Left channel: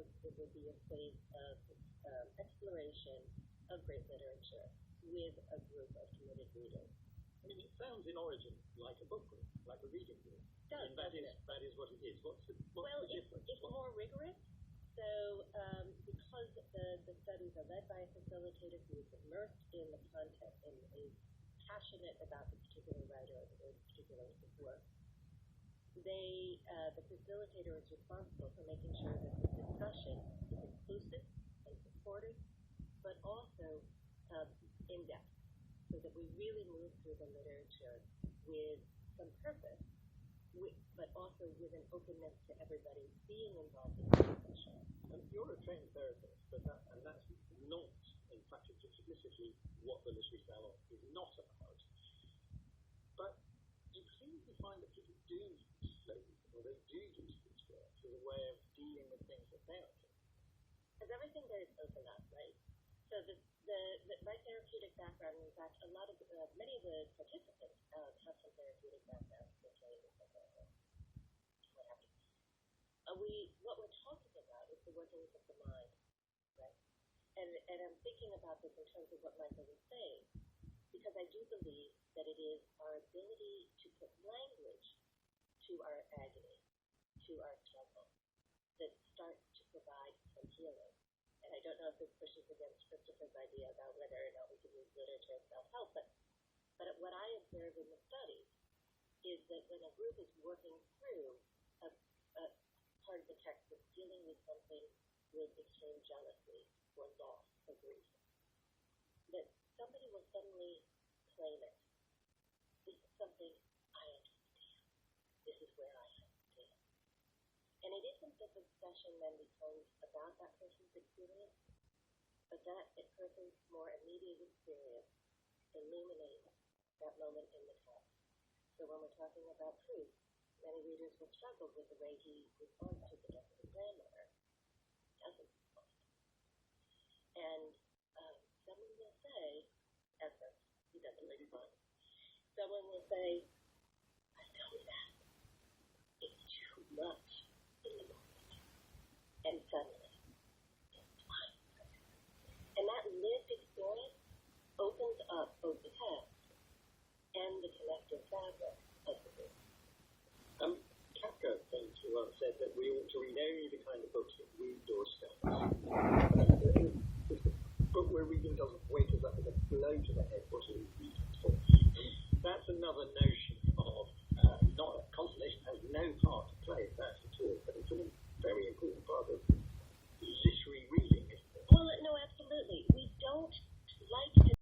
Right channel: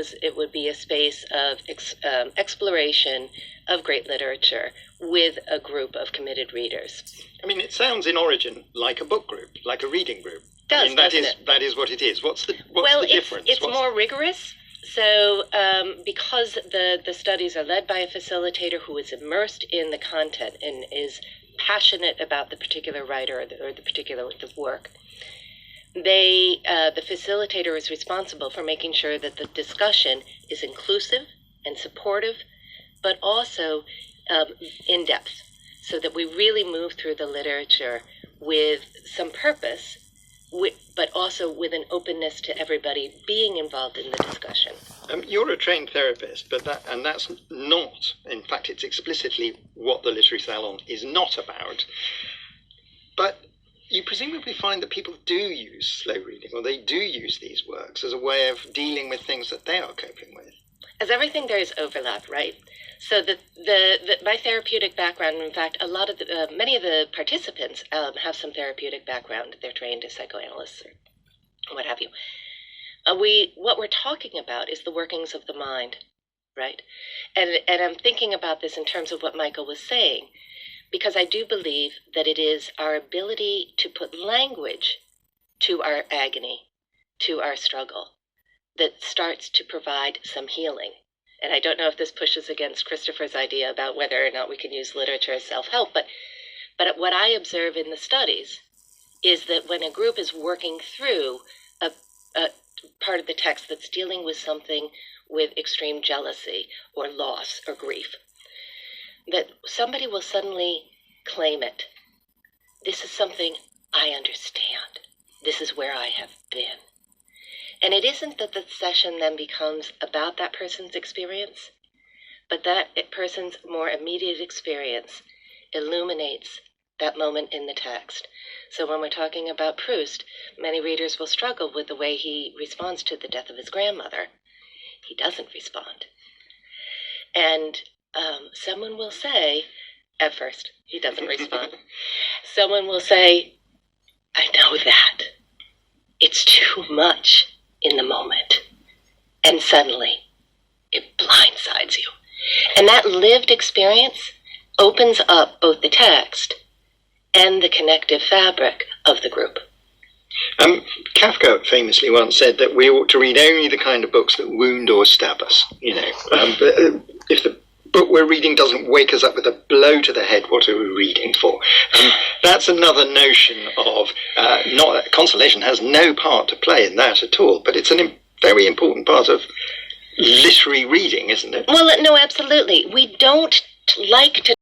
because it would be a space of exploration of great literature with a group of committed readers. I mean, it sounds in origin like a book group, like a reading group. Does, I mean, that is what it is. What's the difference? It's more rigorous. So because the studies are led by a facilitator who is immersed in the content and is passionate about the particular writer or the particular work, the facilitator is responsible for making sure that the discussion is inclusive and supportive, but also in-depth, so that we really move through the literature with some purpose, but also with an openness to everybody being involved in the discussion. You're a trained therapist, but that's not, in fact, it's explicitly what the Literary Salon is not about. But you presumably find that people do use slow reading, or they do use these works as a way of dealing with things that they are coping with. As everything, there is overlap, right? So my therapeutic background, in fact, many of the participants have some therapeutic background. They're trained as psychoanalysts or what have you. What we're talking about is the workings of the mind, right? And I'm thinking about this in terms of what Michael was saying, because I do believe that it is our ability to put language to our agony, to our struggle, that starts to provide some healing. And I don't know if this pushes against Christopher's idea about whether or not we can use literature as self-help, but what I observe in the studies is that when a group is working through a part of the text that's dealing with something with extreme jealousy or loss or grief, that somebody will suddenly claim it. This is something I understand. This is where I have been. And it isn't that the session then becomes about that person's experience, but that person's more immediate experience illuminates that moment in the text. So when we're talking about Proust, many readers will struggle with the way he responds to the death of his grandmother. He doesn't respond. And someone will say, at first, he doesn't respond. Someone will say, I know that. It's too much in the moment. And suddenly, it blindsides you. And that lived experience opens up both the text and the connective fabric of the group. Kafka famously once said that we ought to read only the kind of books that wound or stab us. If the book we're reading doesn't wake us up with a blow to the head, what are we reading for? That's another notion of consolation has no part to play in that at all, but it's a very important part of literary reading, isn't it? Well, no, absolutely. We don't like to